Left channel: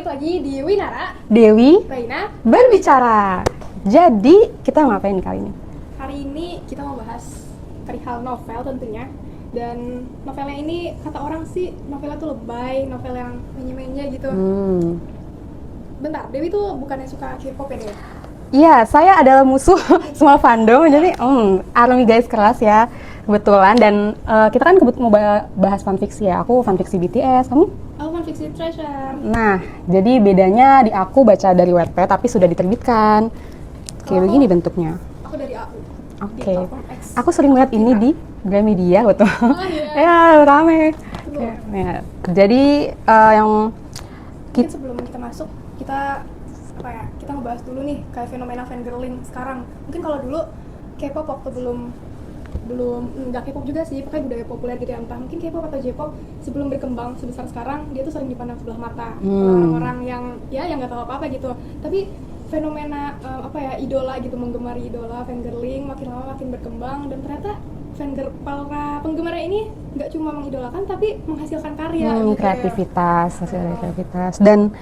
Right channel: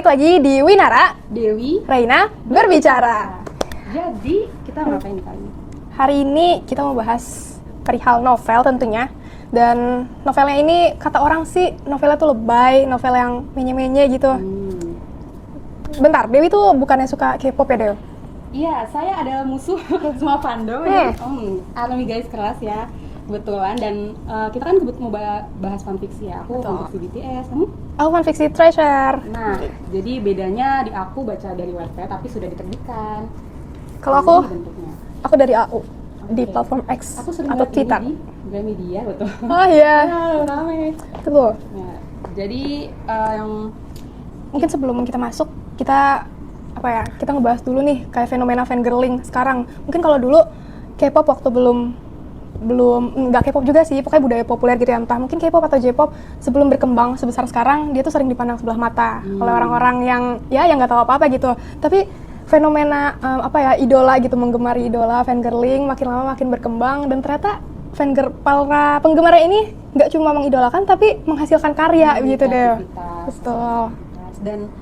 balik lagi di Winara, Dewi, Raina berbicara. Jadi kita mau ngapain nih kali ini? Hari ini kita mau bahas perihal novel tentunya. Dan novelnya ini kata orang sih novelnya tuh lebay, novel yang menye-menye gitu. Bentar, Dewi tuh bukannya suka K-pop ya, Dewi? Iya, saya adalah musuh semua fandom. Jadi, Army guys kelas ya, kebetulan. Dan kita kan mau bahas fanfiksi ya. Aku fanfiksi BTS, kamu? Aku fanfiksi Treasure. Nah, jadi bedanya di aku baca dari Wattpad tapi sudah diterbitkan. Kalau Jadi aku, ini bentuknya. Aku dari AU. Di Oke. platform X. Aku sering lihat ini di Gramedia, betul. Oh iya. Ya, rame. Betul. Ya, jadi yang Mungkin sebelum kita masuk, kita ngebahas dulu nih kayak fenomena fangirling sekarang. Mungkin kalau dulu K-pop waktu belum nggak K-pop juga sih, pokoknya budaya populer gitu ya, entah mungkin K-pop atau J-pop sebelum berkembang sebesar sekarang, dia tuh sering dipandang sebelah mata oleh orang-orang yang nggak tahu apa-apa gitu. Tapi fenomena idola gitu, menggemari idola, fangirling makin lama makin berkembang, dan ternyata para penggemarnya ini nggak cuma mengidolakan tapi menghasilkan karya gitu deh. Kreativitas. Dan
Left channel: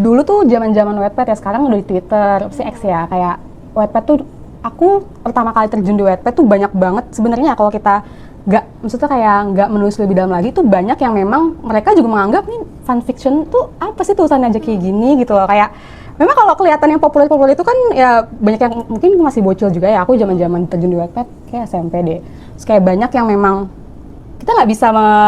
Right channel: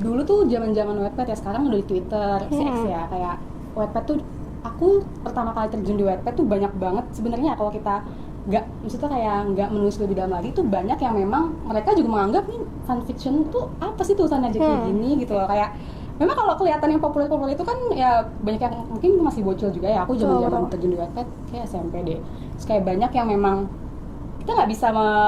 dulu tuh zaman-zaman Wattpad ya, sekarang udah di Twitter, si X ya, kayak Wattpad tuh aku pertama kali terjun di Wattpad tuh banyak banget sebenarnya. Kalau kita nggak menulis lebih dalam lagi tuh banyak yang memang mereka juga menganggap nih fanfiction tuh apa sih tulisannya aja kayak gini gitu loh. Kayak memang kalau kelihatan yang populer itu kan ya banyak yang mungkin masih bocil juga ya. Aku zaman-zaman terjun di Wattpad kayak SMP deh. Terus kayak banyak yang memang kita nggak bisa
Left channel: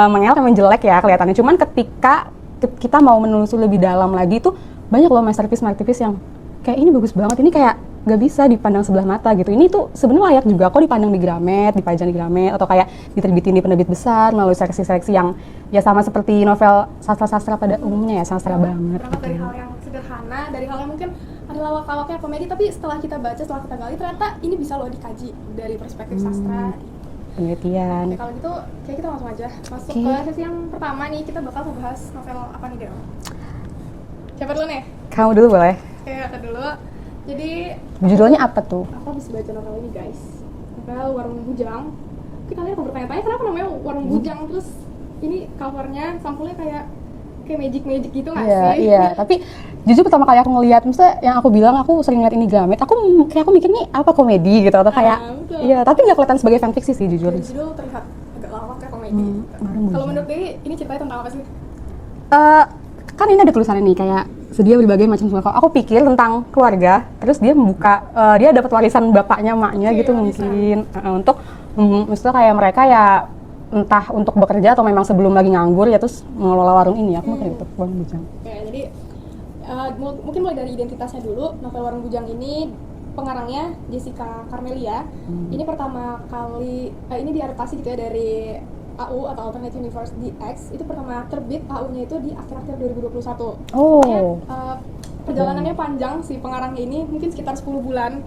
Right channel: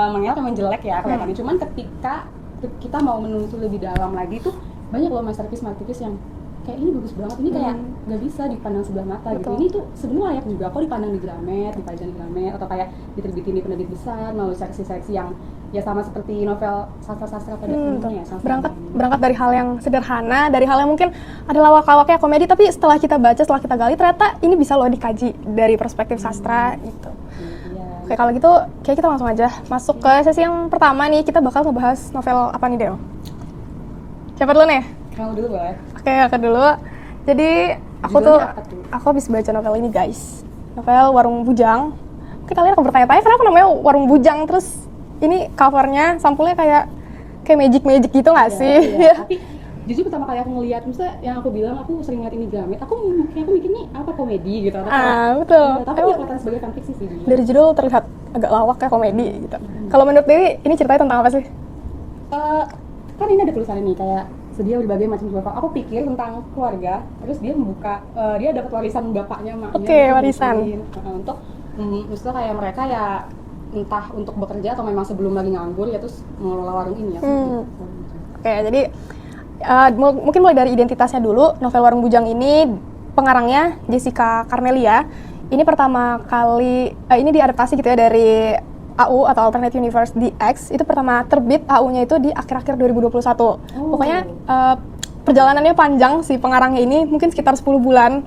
mengelak yang jelek ya kelihatannya. Cuman ketika kita mau menelusuri lebih dalam lagi tuh banyak loh masterpiece yang kayak ini bagus banget, ini kayak nggak bisa dipandang sebelah mata gitu. Ini tuh sebenarnya layak juga kok dipandang di Gramet, dipajang di Gramet, atau kayak diterbitin di penerbit besar melalui seleksi-seleksi yang ya sama seperti novel sastra-sastra pada umumnya ya, sastra banget. Berangkat dari hal yang sederhana, dari hal yang mungkin ada lawak-lawaknya komedi, tapi setelah kita baca, setelah kita gali, ternyata ini bisa loh dikaji dari perspektif sastra gitu. Penelitian. Oke, kalau gitu kayak kita langsung aja masuk ke sesi yang pertama nih. Kita bakal ngebahas novel apa nih, Del? Siapa dulu nih? Kamu dulu boleh. Oke, aku dulu. Jadi judulnya apa tuh? Aku habis baca novel ini, guys. Novel Warung Bujang. Mungkin kalian akan bertanya-tanya kenapa namanya Warung Bujang, terus ini covernya, sampulnya kayak magic gitu nggak sih? Iya. Tapi jujur pertama kali aku ngelihat, misalnya yang aku bilang aku sering lihat ini Gramet, aku mikir nih apa komedi gitu atau kayak betul. Iya, tapi nggak kelihatan sebagai fanfiksi sih jujur. Dari judul terlihat agak lawak kayak komedi gitu. Kalau menurut Dewi ini ceritanya tentang apa sih? Kan ini ada tulisannya nih kayak sedia berbagai macam sembako. Aku pikir tentang keluarga, terus dia membuka dia dapat warisan bapaknya, maknya gitu warisan. Mungkin untuk maksudnya kayak mereka ya entah untuk bekerja atau memang sebelum lagi nganggur ya terus mengelola warung ini ya. Warung Bujang. Oke, jadi mungkin mulai dari identitasnya dulu. Novel Warung Bujang ini pengarangnya Jessica Carmelia. Ini pertama kali ini diadaptasi gitu ya dari AU atau Alternate Universe di X. Itu pertama terbit AU-nya itu di akhir-akhir 2021. Pokoknya perjalanannya panjang si pengarangnya ini, mungkin sekitar 10 bulan.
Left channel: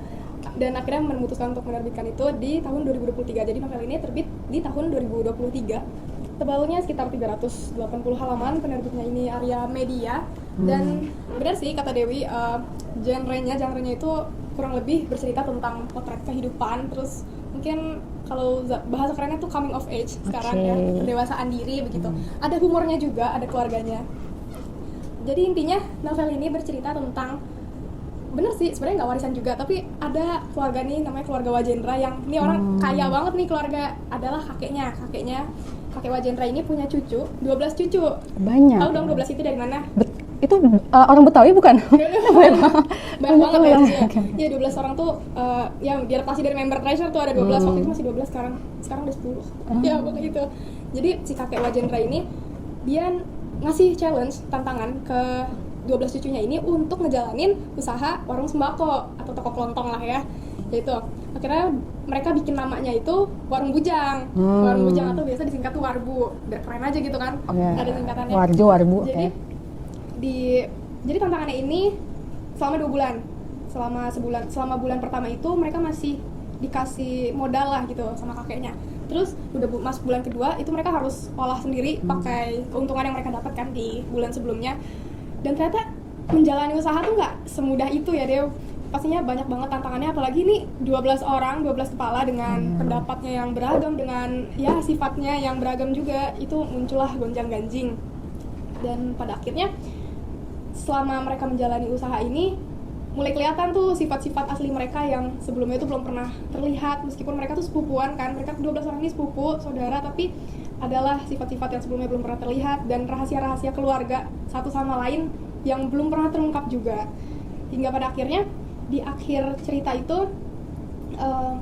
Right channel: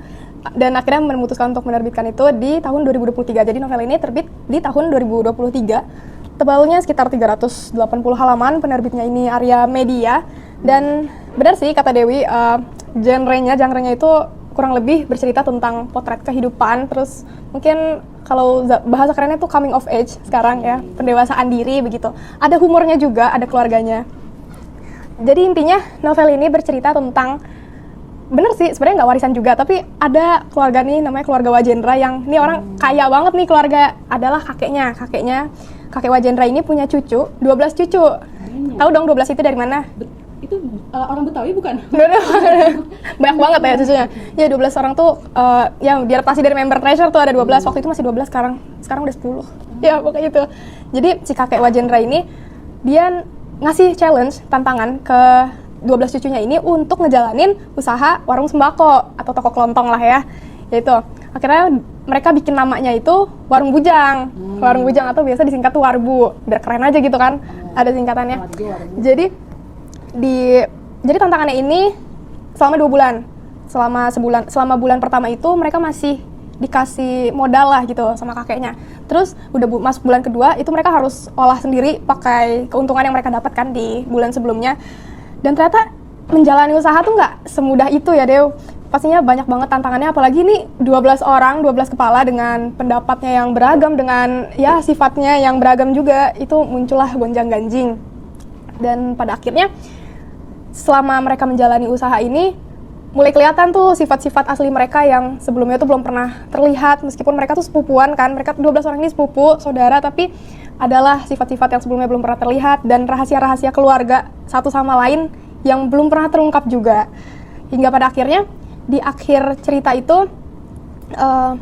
Dan akhirnya memutuskan untuk menerbitkan itu di tahun 2023. Jadi novel ini terbit di tahun 2023. Tebalnya sekitar 380 halaman, penerbitnya ini Arya Media. Dan benar sih kata Dewi, genrenya itu kurang lebih bercerita tentang potret kehidupan, terus mungkin kalau bahasa kerennya tuh coming of age sekarang ya, pendewasaan diri begitu. Ada humornya juga, ada keluarganya. Jadi intinya novel ini bercerita tentang, bener sih sebenarnya nggak warisan juga, tapi ada keluarga nih namanya keluarga Wajendra yang ini orang kaya banget nih keluarga, adalah kakek Wajendra ini punya cucu, 12 cucu. Banyak. Tahu dong 12 itu dari mana? Itu orang Betawi bukan? Banyak banget ya cucunya. Ya 12 orang tuh yang diadaptasi dari member Treasure tuh ada 12. Waktu itu masih 12, sekarang udah 10. Ya pokoknya itu. Jadi si kakek Wajendra ini dia ngasih challenge, tantangan ke 12 cucunya ini untuk ngejalanin usaha warung sembako atau toko kelontong lah ya. Yaitu akhirnya mereka bikin namanya itu Warung Bujang. Warung Bujang atau biasa disingkat tuh Warbu. Biar keren aja gitu kan. Ada singkatannya. Warbu. Jadi tantangannya ini selama 2 bulan. Selama bulan pertama itu mereka masih dikasih modal lah gitu sama kakeknya. Terus udah masuk bulan kedua itu mereka harus olah sendiri pakai keuntungan yang mereka dapatkan di bulan sebelumnya. Dan ternyata menjalani usaha tuh nggak semudah itu ya Dew. Pastinya banyak banget tantangannya, apalagi nih 12 orang, 12 kepala dengan pendapatnya yang beragam, dengan ya sifatnya yang beragam juga. Itu muncullah gonjang-ganjing. Dan pada akhirnya selama mereka menjalani usaha ini mulai kelihatan tuh sifat-sifat asli mereka yang sebelumnya tuh belum pernah terlihat, meskipun mereka tuh sepupuan kan, mereka 12 orang ini sepupu, saudara, tapi adalah sifat-sifat yang sebelumnya belum pernah terlihat dan rahasia-rahasia keluarga satu sama lain yang belum pernah terungkap juga. Hingga pada akhirnya di akhir cerita itu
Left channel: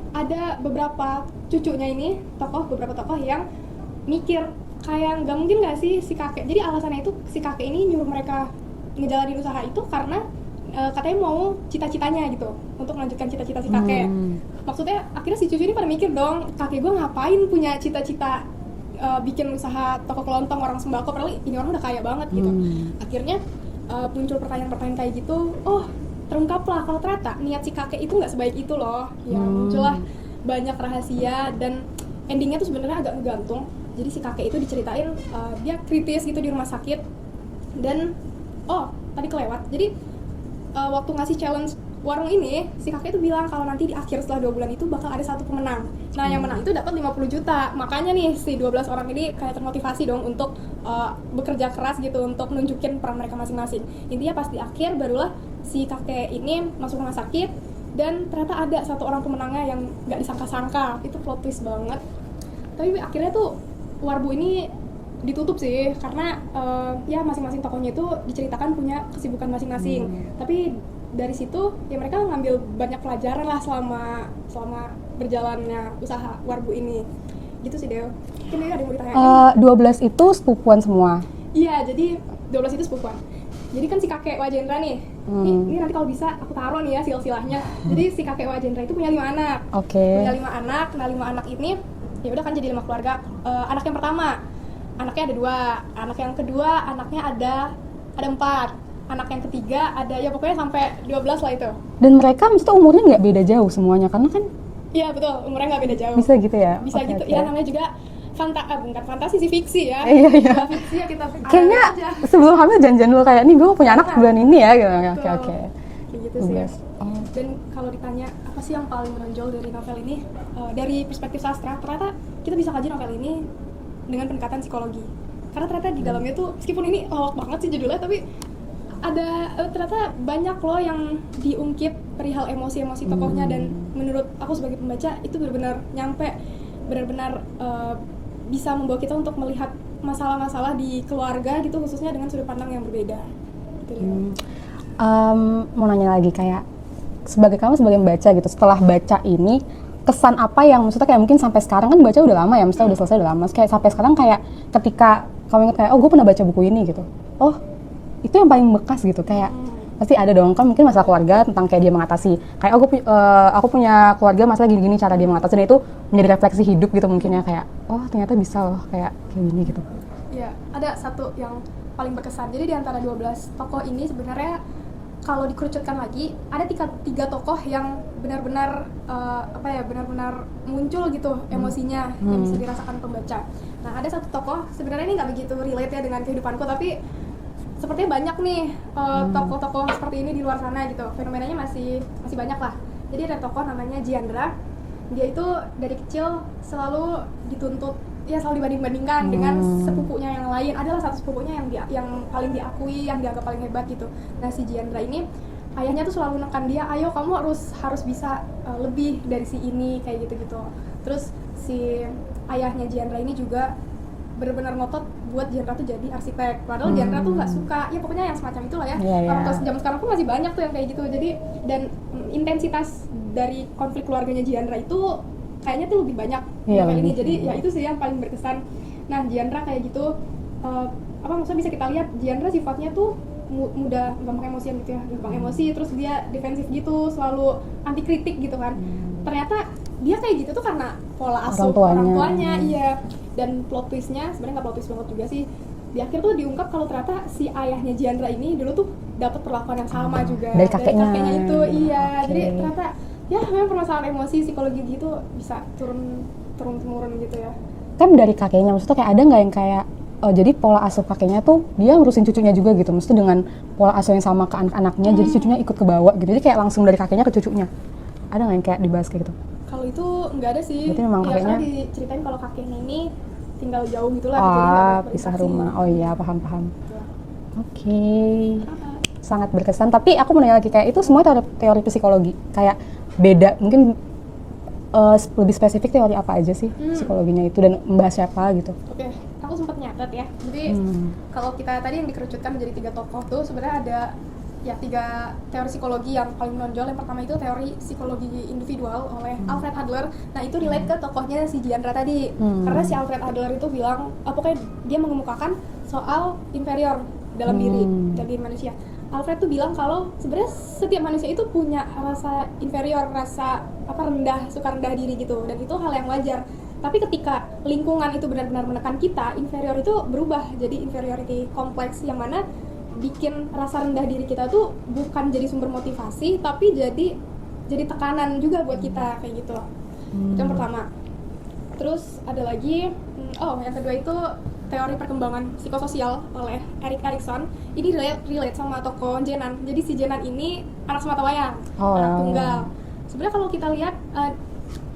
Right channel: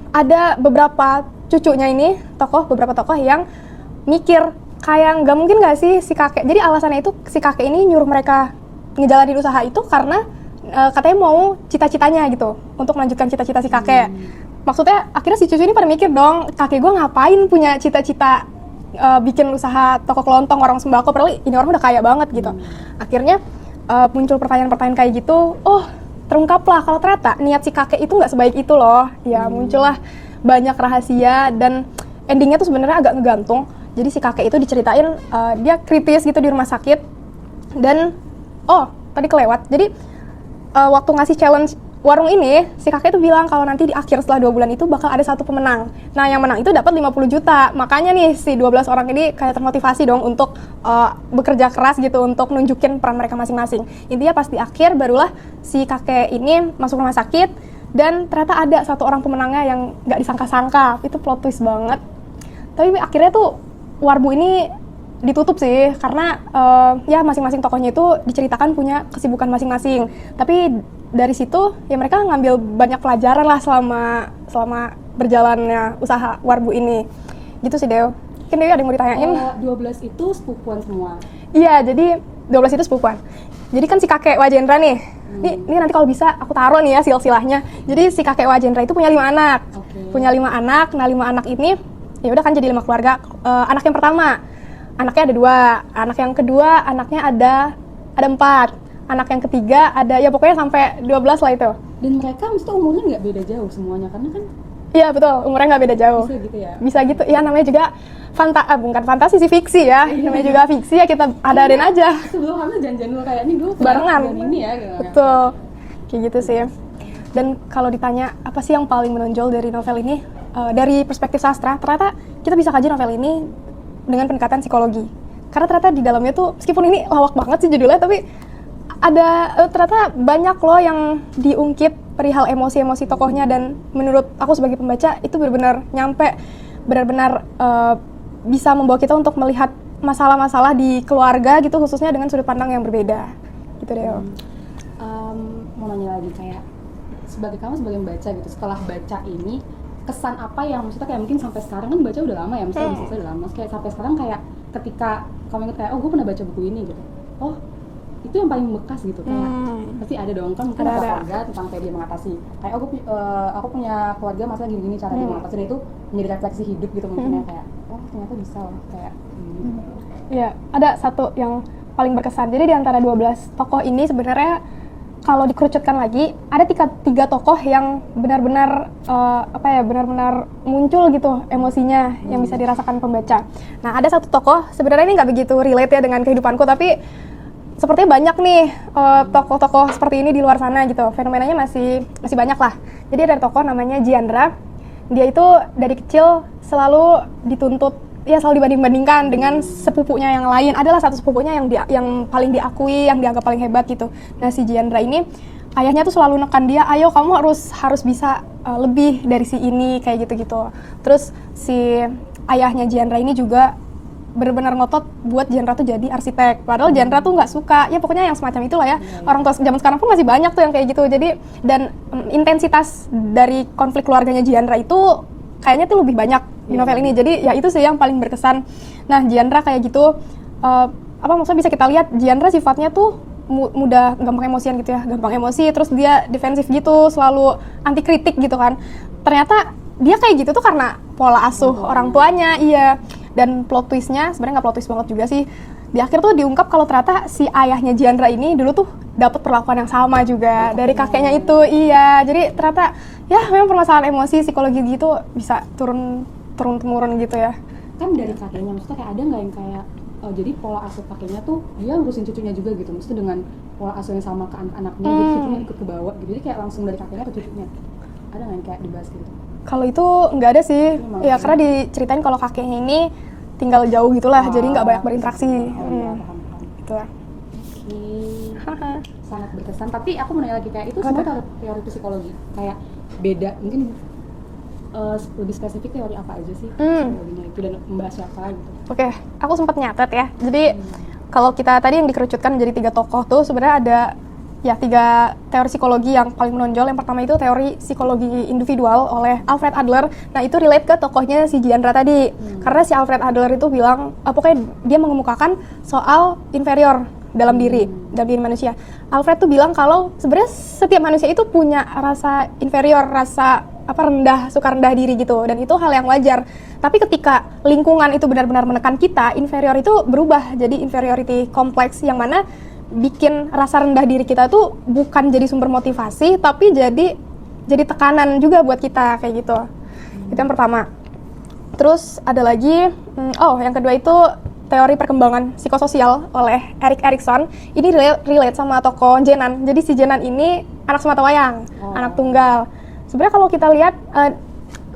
ada beberapa cucunya ini, beberapa tokoh yang mikir kayak nggak mungkin nggak sih si kakek, jadi alasannya itu si kakek ini nyuruh mereka ngejalanin usaha itu karena katanya mau cita-citanya gitu, untuk melanjutkan cita-cita si kakek. Maksudnya akhirnya si cucu ini pada mikir dong, kakek gue ngapain punya cita-cita bikin usaha toko kelontong warung sembako, padahal ini orang udah kaya banget gitu. Akhirnya muncul pertanyaan-pertanyaan kayak gitu, oh terungkaplah kalau ternyata niat si kakek itu nggak sebaik itu loh. Ya muncullah banyak rahasia dan endingnya tuh sebenarnya agak ngegantung. Jadi si kakek itu diceritain dia kritis gitu di rumah sakit dan tadi kelewat. Jadi waktu ngasih challenge warung ini, si kakek itu bilang kalau nanti di akhir setelah 2 bulan itu bakal ada satu pemenang. Nah, yang menang itu dapat 50 juta. Makanya nih si 12 orang ini kayak termotivasi dong untuk bekerja keras gitu untuk nunjukin peran mereka masing-masing. Intinya pas di akhir barulah si kakek ini masuk rumah sakit dan ternyata ada satu orang pemenangnya yang nggak disangka-sangka. Itu plot twist banget. Tapi akhirnya tuh Warbu ini ditutup sih, karena ya masing-masing tokohnya itu diceritakan punya kesibukan masing-masing. Tapi dari situ ya mereka ngambil banyak pelajaran lah selama berjalannya usaha Warbu ini. Gitu sih Deo. Mungkin Deo ada yang mau ditanyain? 12 itu sepupuan semua? Iya, jadi 12 itu sepupuan. Jadi kan si kakek Wajendra nih, ini nanti kalau bisa aku taruh nih ya silsilahnya. Jadi si kakek Wajendra itu punya 5 anak. Punya 5 anak, nah 5 anak ini ya udah kan jadi 5 keluarga. Anak yang pertama anaknya ada 2, anak yang kedua anaknya ada 4, anak yang ketiga ada ya pokoknya sampai 12 lah itu. Dan mereka mesti umurnya nggak beda jauh semuanya karena kan? Iya betul, umurnya nggak beda jauh. Bisa gitu ya? Bisa gitu, ya namanya juga bukan fantasi sih, fiksi ya. Ini juga fiksi ya, kita adain aja. Sebelum hamil janjian dulu kayak nih gue punya anak bulan ini ya gitu. Betul, kayak gitu sih. Dan kalau ditanya apa sih yang paling menonjol dari novel ini, dari perspektif sastra, ternyata kita bisa kaji novel ini dengan pendekatan psikologi. Karena ternyata di dalamnya tuh, meskipun ini lawak banget sih judulnya, tapi ada ternyata banyak loh yang diungkit perihal emosi-emosi tokohnya, dan menurut aku sebagai pembaca itu benar-benar nyampe, benar-benar bisa membawa kita untuk melihat masalah-masalah di keluarga gitu, khususnya dengan sudut pandang yang berbeda. Gitu deh. Mau nanya lagi kayak kamu sebagai pembaca gitu, setelah baca ini kesan apa yang maksudnya kayak mungkin sampai sekarang kan baca udah lama ya, maksudnya udah selesai udah lama, kayak sampai sekarang kayak ketika kamu ingat kayak gue pernah baca buku ini gitu, itu yang paling bekas gitu, kayak pasti ada dong kan mungkin masalah keluarga tentang kayak dia mengatasi kayak aku punya keluarga masalah gini-gini cara dia mengatasi, dan itu menjadi refleksi hidup gitu mungkin ya, kayak ternyata bisa loh kayak gini gitu. Ya, ada satu yang paling berkesan. Jadi di antara 12 tokoh ini sebenarnya kalau dikerucutkan lagi, ada tiga tokoh yang benar-benar benar-benar muncul gitu emosinya yang bisa dirasakan pembaca. Nah, ada satu tokoh sebenarnya ini nggak begitu relate ya dengan kehidupanku, tapi sepertinya banyak nih tokoh-tokoh seperti ini di luar sana gitu. Fenomenanya masih banyak lah. Jadi ada tokoh namanya Jiandra. Dia itu dari kecil selalu dituntut, ya selalu dibanding-bandingkan dengan sepupunya yang lain. Adalah satu sepupunya yang paling diakui, yang dianggap paling hebat gitu. Nah, si Jiandra ini ayahnya tuh selalu nekan dia, ayo kamu harus bisa lebih dari si ini, kayak gitu-gitu. Terus si ayahnya Jiandra ini juga benar-benar ngotot buat Jiandra tuh jadi arsitek. Padahal Jiandra tuh nggak suka, ya pokoknya yang semacam itulah ya. Orang tua zaman sekarang pun masih banyak tuh yang kayak gitu. Jadi dan intensitas dari konflik keluarganya Jiandra itu kayaknya tuh lebih banyak di novel ini. Jadi ya itu sih yang paling berkesan. Nah, Jiandra kayak gitu, maksudnya bisa kita lihat Jiandra sifatnya tuh mudah gampang emosian gitu ya, gampang emosi, terus dia defensif gitu, selalu anti kritik gitu kan. Ternyata dia kayak gitu tuh karena pola asuh orang tuanya. Iya. Dan plot twistnya sebenarnya nggak plot twist banget juga sih. Di akhir tuh diungkap kalau ternyata si ayahnya Jiandra ini dulu tuh dapat perlakuan yang sama juga dari kakeknya itu. Iya. Jadi ternyata ya memang permasalahan emosi, psikologi gitu bisa turun-temurun gitu ya. Kan dari kakeknya, maksudnya kayak ada nggak yang kayak jadi pola asuh kakeknya tuh dia ngurusin cucunya juga gitu, maksudnya dengan pola asuh yang sama ke anak-anaknya, jadi cucunya ikut ke bawah gitu, jadi kayak langsung dari kakeknya ke cucunya. Ada nggak yang kayak dibahas kayak gitu? Kalau itu nggak ada sih, ya karena diceritain kalau kakeknya ini tinggal jauh gitulah, jadi nggak banyak berinteraksi. Oh iya, paham. Gitu ya. Oke. Sangat berkesan. Tapi aku mau nanya lagi, kayak itu semua teori psikologi. Kayak beda, mungkin lebih spesifik teori apa aja sih psikologinya itu dan membahas siapa gitu. Oke, aku sempat nyatet ya. Jadi kalau kita tadi yang dikerucutkan menjadi 3 tokoh tuh sebenarnya ada ya 3 teori psikologi yang paling menonjol. Yang pertama itu teori psikologi individual oleh Alfred Adler. Nah itu relate ke tokohnya si Giandra tadi. Karena si Alfred Adler itu bilang, pokoknya dia mengemukakan soal inferior dalam diri manusia. Alfred tuh bilang kalau sebenarnya setiap manusia itu punya rasa inferior, rasa suka rendah diri gitu, dan itu hal yang wajar. Tapi ketika lingkungan itu benar-benar menekan kita, inferior itu berubah jadi inferiority complex, yang mana bikin rasa rendah diri kita tuh bukan jadi sumber motivasi, tapi jadi tekanan juga buat kita kayak gitu. Itu yang pertama. Terus ada lagi, yang kedua itu teori perkembangan psikososial oleh Erik Erikson. Ini relate sama tokoh Jenan. Jadi si Jenan ini anak sematawayang, anak tunggal. Sebenarnya kalau kita lihat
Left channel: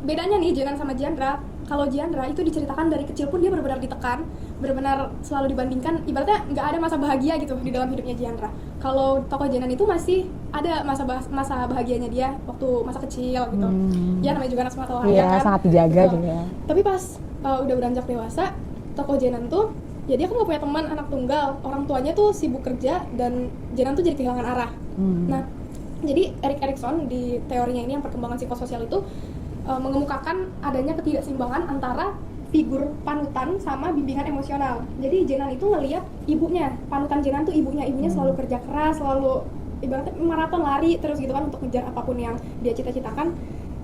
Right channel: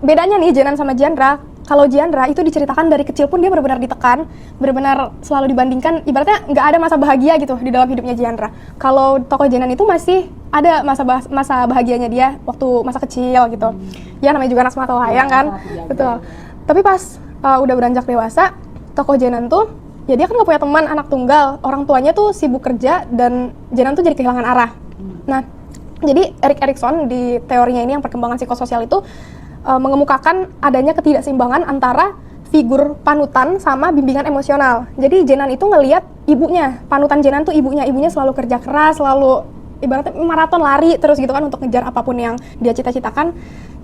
bedanya nih Jenan sama Giandra. Kalau Giandra itu diceritakan dari kecil pun dia benar-benar ditekan, benar-benar selalu dibandingkan, ibaratnya nggak ada masa bahagia gitu di dalam hidupnya Giandra. Kalau tokoh Jenan itu masih ada masa bahagianya dia waktu masa kecil gitu. Ya namanya juga anak sematawayang kan. Sangat dijaga. Betul. Juga. Tapi pas udah beranjak dewasa, tokoh Jenan tuh, ya dia kan nggak punya teman, anak tunggal, orang tuanya tuh sibuk kerja, dan Jenan tuh jadi kehilangan arah. Nah, jadi Erik Erikson di teorinya ini yang perkembangan psikososial itu mengemukakan adanya ketidakseimbangan antara figur panutan sama bimbingan emosional. Jadi Jenan itu ngelihat ibunya, panutan Jenan tuh ibunya selalu kerja keras, selalu ibaratnya maraton lari terus gitu kan untuk ngejar apapun yang dia cita-citakan.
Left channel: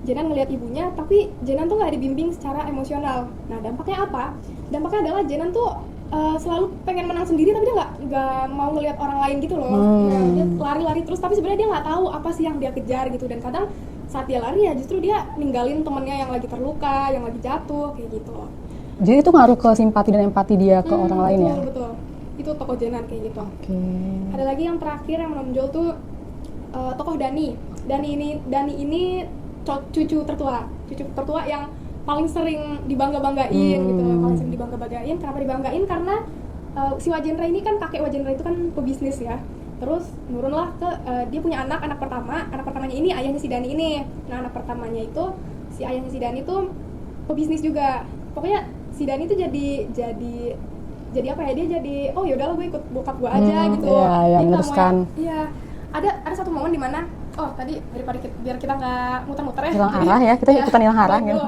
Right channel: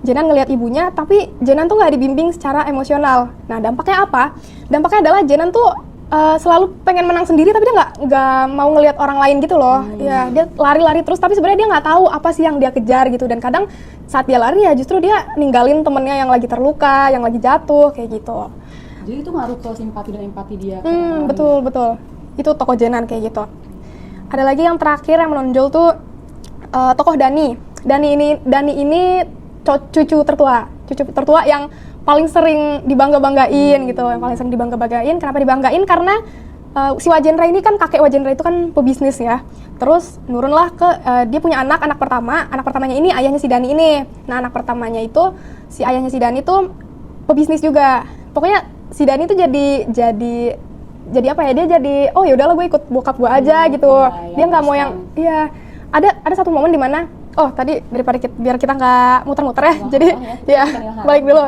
Jenan ngelihat ibunya, tapi Jenan tuh nggak dibimbing secara emosional. Nah dampaknya apa? Dampaknya adalah Jenan tuh selalu pengen menang sendiri, tapi dia nggak mau ngelihat orang lain gitu loh. Ya dia lari-lari terus, tapi sebenarnya dia nggak tahu apa sih yang dia kejar gitu. Dan kadang saat dia lari ya justru dia ninggalin temennya yang lagi terluka, yang lagi jatuh kayak gitu. Jadi itu ngaruh ke simpati dan empati dia ke orang lain. Betul. Itu tokoh Jenan kayak gitu. Ada lagi yang terakhir yang menonjol tuh tokoh Dani. Dani ini cucu tertua yang paling sering dibangga-banggain gitu, yang paling sering dibangga-banggain. Kenapa dibanggain? Karena si Wajendra ini kan, kakek Wajendra itu kan pebisnis ya. Terus nurunlah ke dia punya anak pertamanya ini ayahnya si Dani ini. Nah anak pertamanya itu si ayahnya si Dani tuh pebisnis juga. Pokoknya si Dani tuh jadi apa ya, dia jadi oh ya udahlah gue ikut bokap gue aja gitu. Dia nggak mau yang ada satu momen di mana tadi daripada biar kita nggak muter-muter ya, jadi balik dulu.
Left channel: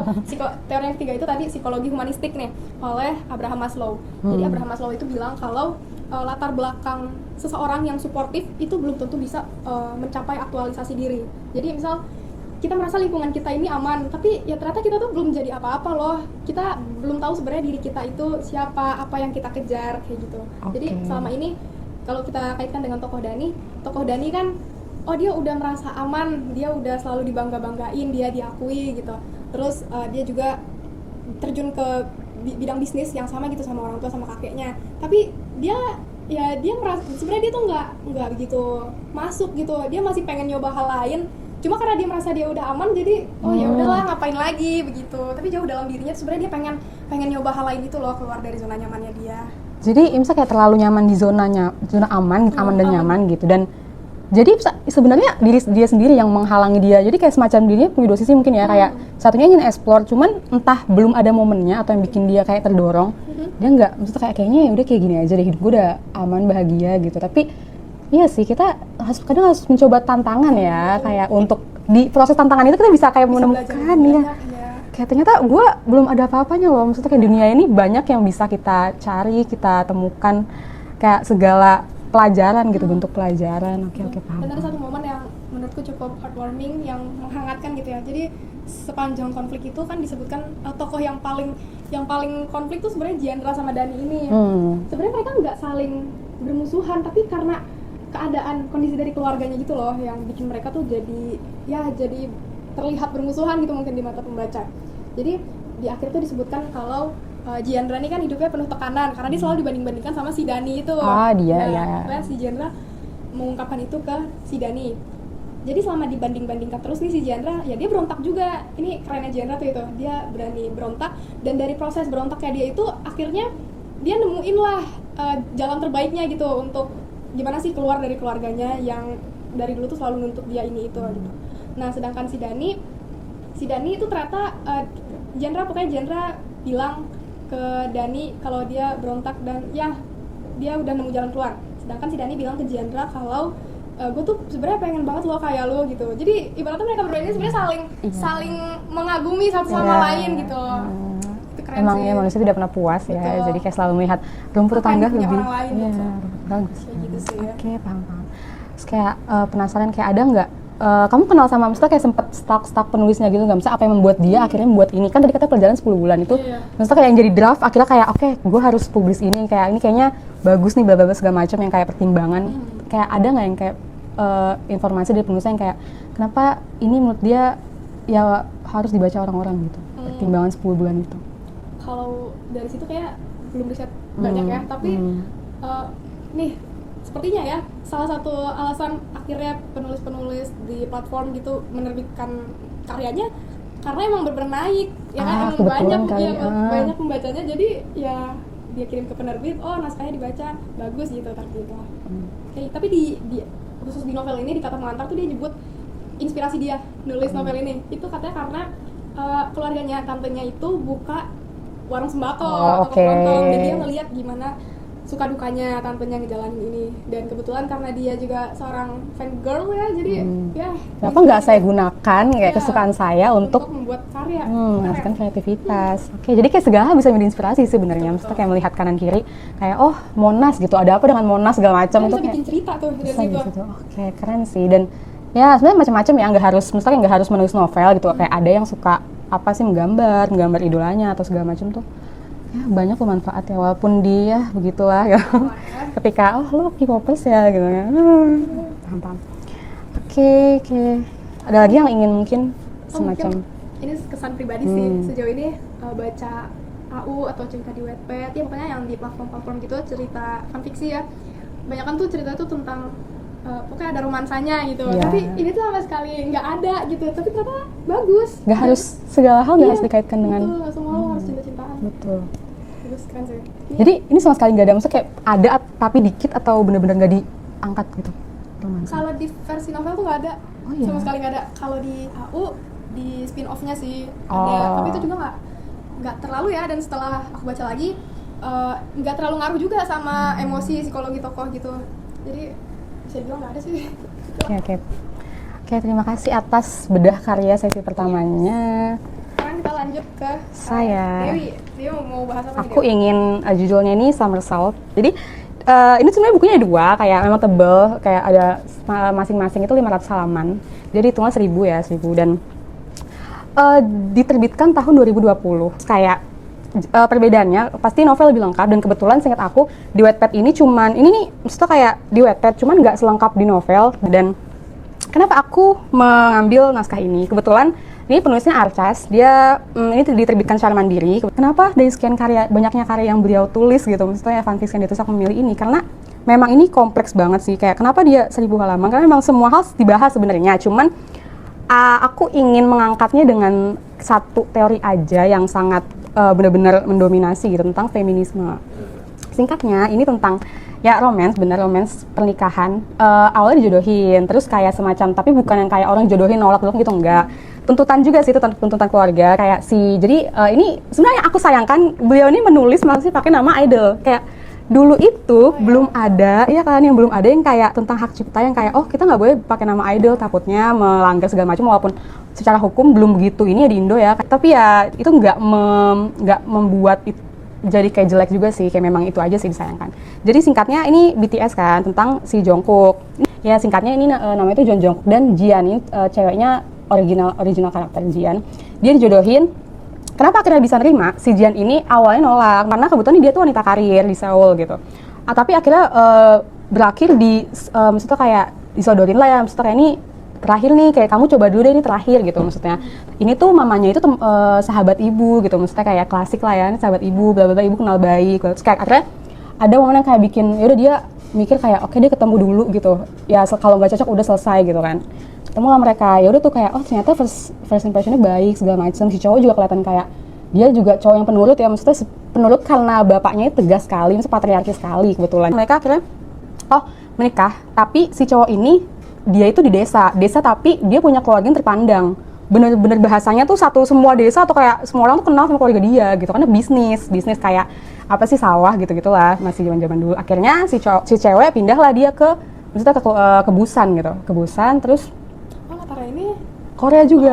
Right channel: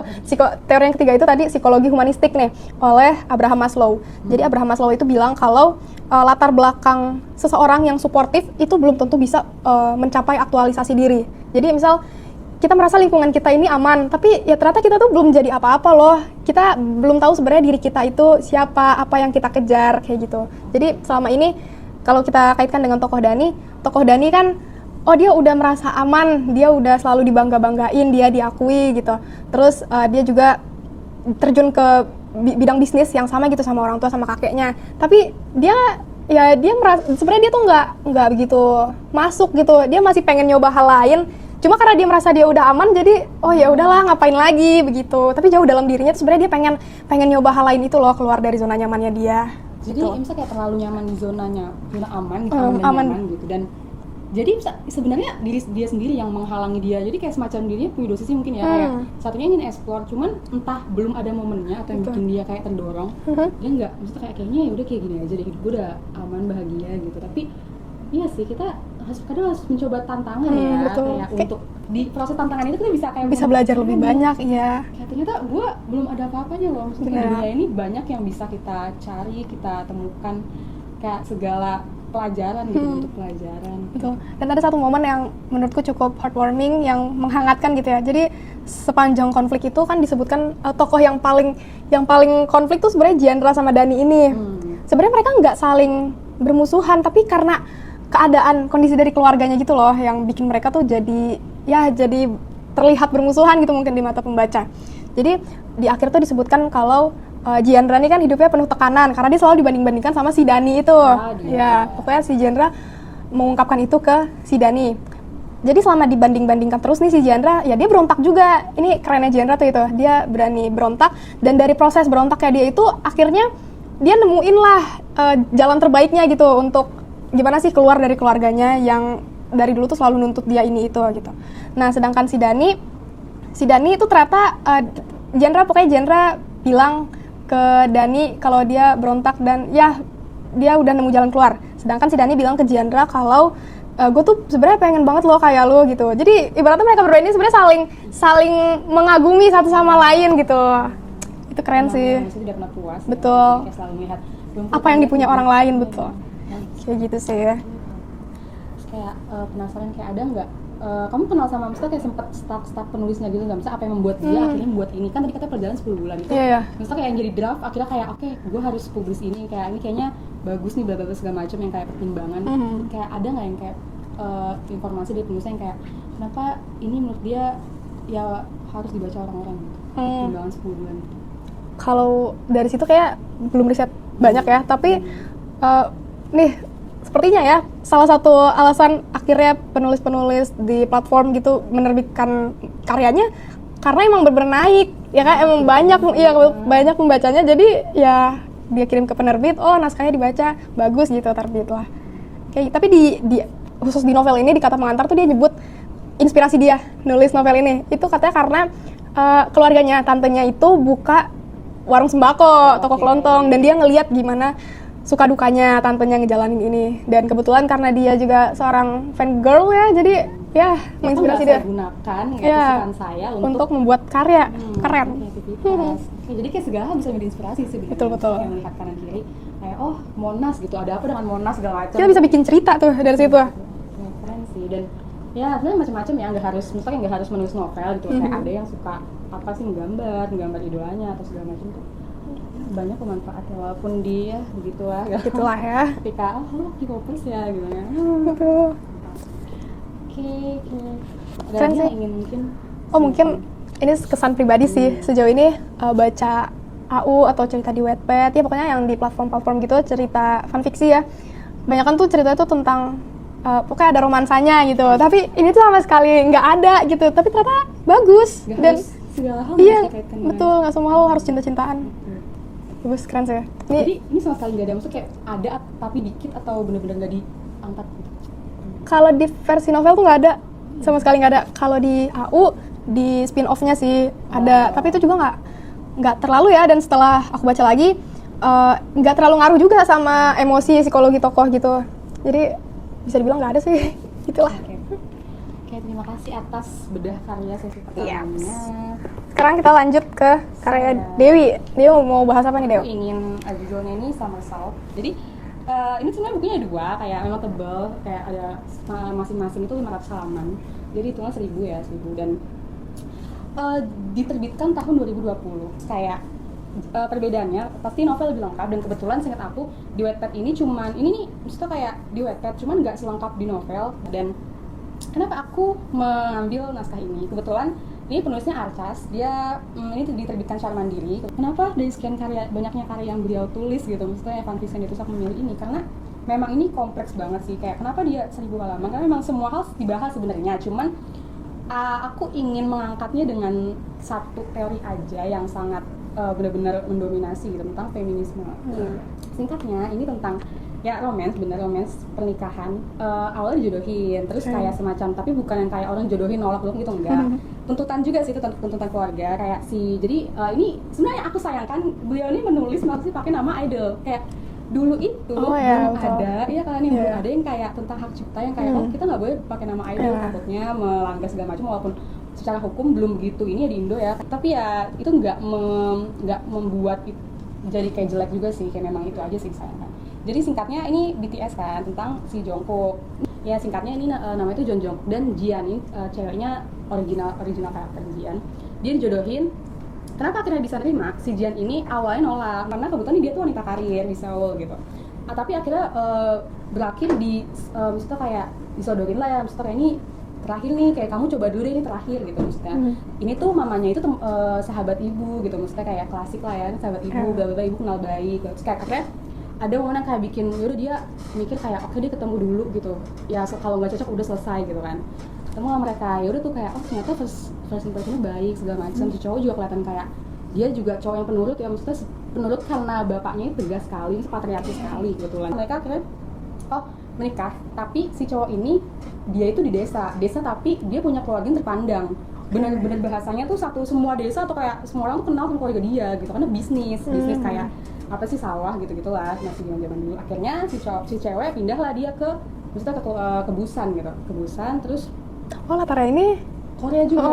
Teori yang ketiga itu tadi psikologi humanistik nih oleh Abraham Maslow. Jadi Abraham Maslow itu bilang kalau latar belakang seseorang yang suportif itu belum tentu bisa mencapai aktualisasi diri. Jadi misal kita merasa lingkungan kita ini aman, tapi ya ternyata kita tuh belum jadi apa-apa loh. Kita belum tahu sebenarnya diri kita itu siapa, apa yang kita kejar kayak gitu. Jadi selama ini kalau kita kaitkan dengan tokoh Dani kan dia udah merasa aman, dia udah selalu dibangga-banggain, dia diakui gitu. Terus dia juga terjun ke bidang bisnis yang sama gitu sama orang tua, sama kakeknya. Tapi dia merasa sebenarnya dia tuh nggak begitu masuk gitu. Dia masih pengen nyoba hal lain. Cuma karena dia merasa dia udah aman, jadi ya udahlah ngapain lagi begitu. Tapi jauh dalam dirinya tuh sebenarnya dia pengen nyoba hal lain itu loh, keluar dari zona nyamannya dia. Jadi Imsa kayak terlalu nyaman di zona aman dan nyaman gitu. Dan jadi sebenarnya dia sendiri yang menghalangi dia. Jadi kayak semacam dirinya punya dua sisi mungkin ya, kayak satunya ingin explore, cuman entah belum ada momennya atau yang bikin dia kayak terdorong. Dia nggak, maksudnya kayaknya ya udah kayak gini aja deh, hidup gue udah aman, bahagia gitu. Tapi iya sih, kita kadang harus mencoba tantangan ya, betul. Kayak untuk di proses tantangan itu kita bisa kayak bisa belajar lebih banyak ya. Kayak ternyata gue belum ada apa-apanya loh, maksudnya kayak dunia ini banyak yang bisa kita cari, kita temukan, kayak segala pelajaran gitu, bentuk pelajaran. Okay. Dan ada satu momen yang menurutku cukup heartwarming, yang menghangatkan gitu ya. Jadi sepanjang konflik itu kan disebutkan tokoh yang paling konflik tuh sebenarnya Giandra sama Dani ini. Sebenarnya mereka nggak saling bermusuhan, tapi karena keadaan kondisi dari keluarganya gitu loh yang bikin mereka tuh jadi terlihat bermusuhan gitu mungkin di mata pembaca. Jadi di akhir tuh disebutkan kalau Giandra ini kan hidupnya penuh tekanan karena dia selalu dibanding-bandingkan sama si Dani itu. Pokoknya si Giandra mengungkapkan itu ke si Dani. Jadi selama dibanding-bandingkan terus nih si Giandra, ya dia berontak juga. Ini kerennya Giandra tuh itu, dia berani berontak, dan dari proses berontaknya dia itu akhirnya dia nemuin lah jalan terbaiknya gitu untuk gimana sih keluar dari keluarganya yang dari dulu tuh selalu nuntut dia ini itu gitu. Nah sedangkan si Dani itu ternyata Jendra bilang ke Dani kalau dia berontak dan ya dia udah nemu jalan keluar. Sedangkan si Dani bilang ke Jendra kalau gue tuh sebenarnya pengen banget lo kayak lo gitu. Jadi ibaratnya mereka berdua ini sebenarnya saling mengagumi satu sama lain gitu. Itu keren sih. Manusia tidak pernah puas betul. ya. Jadi kayak selalu melihat rumput apa yang dipunya orang lain betul. Kayak gitu sih ya. Oke, paham. Terus kayak penasaran kayak ada nggak kamu kenal sama misalnya kayak sempet stuck penulisnya gitu nggak? Misalnya apa yang membuat dia akhirnya membuat ini? Kan tadi kita perjalanan 10 bulan itu. Misalnya kayak yang jadi draft akhirnya kayak oke, gue harus publish ini, kayak ini kayaknya bagus nih bla bla segala macam yang kayak pertimbangan. Kayak ada nggak yang kayak informasi dari penulisnya yang kayak kenapa ini menurut dia ya harus dibaca orang-orang gitu. Pertimbangan 10 bulan itu. Kalau dari situ kayak belum riset banyak ya, tapi nih sepertinya ya salah satu alasan akhirnya penulis-penulis di platform gitu menerbitkan karyanya karena emang benar-benar naik ya kan, emang banyak pembacanya, jadi ya dia kirim ke penerbit, oh naskahnya dibaca bagus gitu, terbit lah. Kayak tapi di khusus di novel ini di Kata Pengantar tuh dia nyebut inspirasi dia nulis novel ini itu katanya karena keluarganya, tantenya itu buka warung sembako, toko kelontong, dan dia ngelihat gimana suka dukanya tantenya ngejalanin ini, dan kebetulan karena dia juga seorang fan girl ya, jadi ya apa nggak saya gunakan kayak kesukaan saya untuk membuat karya keren, kreativitas. Oke, jadi kayak segala bisa menjadi inspirasi sebenarnya. Maksudnya kayak melihat kanan kiri kayak oh Monas gitu, ada apa dengan Monas segala macam. Dia bisa bikin cerita tuh dari situ. Oke, keren sih. Dan ya sebenarnya macam-macam ya, nggak harus misalnya nggak harus menulis novel gitu. Kayak ada yang suka apa sih menggambar idolanya atau segala macam tuh. Ya, banyak manfaat ya, walaupun dia begitulah ya. Ketika lo K-popers ya gitu ya. Paham. Oke. Ada lagi yang ingin mungkin mungkin ini kesan pribadi sih sejauh ini baca AU atau cerita di Wattpad ya, pokoknya yang di platform-platform gitu, cerita fanfiksi ya. Banyakan tuh cerita itu tentang pokoknya ada romansanya gitu, tapi ini tuh sama sekali nggak ada gitu, tapi ternyata bagus. Nggak harus segala hal harus dikaitkan dengan. Betul, nggak semua hal harus cinta-cintaan. Betul. Bagus, keren sih. Jadi ini sama sekali nggak ada, maksudnya kayak ada tapi dikit atau benar-benar nggak diangkat gitu? Kalau di versi novel tuh nggak ada, sama sekali nggak ada. Kalau di AU, di spin-off-nya sih ada, tapi itu juga nggak terlalu ya, dan setelah aku baca lagi, nggak terlalu ngaruh juga sama emosi psikologi tokoh gitu. Jadi bisa dibilang nggak ada sih, gitu lah. Oke, terima kasih atas bedah karya sesi pertamanya. Sekarang kita lanjut ke karya Dewi. Dewi mau bahas apa nih, Dewi? Aku ingin judulnya ini Summer Salt. Jadi ini sebenarnya bukunya ada 2, kayak memang tebel, kayak ada masing-masing itu 500 halaman. Jadi hitungnya 1000 dan diterbitkan tahun 2020. Kayak perbedaannya pasti novel lebih lengkap, dan kebetulan seingat aku di Wattpad ini nih maksudnya kayak di Wattpad cuman nggak selengkap di novel. Dan kenapa aku mengambil naskah ini? Kebetulan ini penulisnya Archas, dia ini diterbitkan secara mandiri. Kenapa dari sekian banyaknya karya yang beliau tulis gitu, maksudnya fanfiction itu aku memilih ini karena memang ini kompleks banget sih. Kayak kenapa dia 1000 halaman? Karena memang semua hal dibahas sebenarnya, cuman aku ingin mengangkatnya dengan satu teori aja yang sangat benar-benar mendominasi gitu, tentang feminisme. Singkatnya ini tentang ya romance pernikahan, awalnya dijodohin, terus kayak semacam, tapi bukan yang kayak orang jodohin nolak gitu, enggak. Tuntutan juga sih, itu tuntutan keluarga kayak jadi ini sebenarnya aku sayangkan beliau ini menulis masih pakai nama idol. Kayak dulu itu belum ada ya kan, yang belum ada yang kayak tentang hak cipta yang kayak oh kita nggak boleh pakai nama idol, takutnya melanggar segala macam, walaupun secara hukum belum begitu ini ya di Indo ya, tapi ya itu nggak membuat itu jadi kayak jelek juga sih, kayak memang itu aja sih disayangkan. Jadi singkatnya ini BTS kan, tentang si Jungkook. Ya singkatnya ini namanya itu John Jungkook dan Jian, ini ceweknya original karakter Jian. Dia dijodohin. Kenapa akhirnya bisa nerima? Si Jian ini awalnya nolak karena kebetulan dia tuh wanita karir di Seoul gitu. Tapi akhirnya berakhir di maksudnya kayak disodorin lah ya, maksudnya kayak ini terakhir nih, kayak kamu coba dulu deh, ini terakhir gitu maksudnya. Ini tuh mamanya itu sahabat ibu gitu, maksudnya kayak klasik lah ya, sahabat ibu, bla bla bla, ibu kenal baik. Terus kayak akhirnya ada momen yang kayak bikin yaudah dia mikir kayak oke, dia ketemu dulu gitu. Ya kalau nggak cocok udah selesai gitu kan. Ketemu lah mereka, ya udah tuh kayak oh ternyata first impressionnya baik segala macam. Si cowok juga kelihatan kayak dia juga cowok yang penurut ya, maksudnya penurut karena bapaknya tegas sekali, maksudnya patriarki sekali kebetulan. Mereka akhirnya menikah, tapi si cowok ini dia itu di desa tapi dia punya keluarga yang terpandang. Bener-bener bahasanya tuh satu semua desa atau kayak semua orang tuh kenal sama keluarga dia gitu, karena bisnis kayak apa sih sawah gitu-gitulah, masih zaman-zaman dulu. Akhirnya si cewek pindah lah dia ke maksudnya ke Busan gitu, ke Busan terus latarnya ini Korea juga.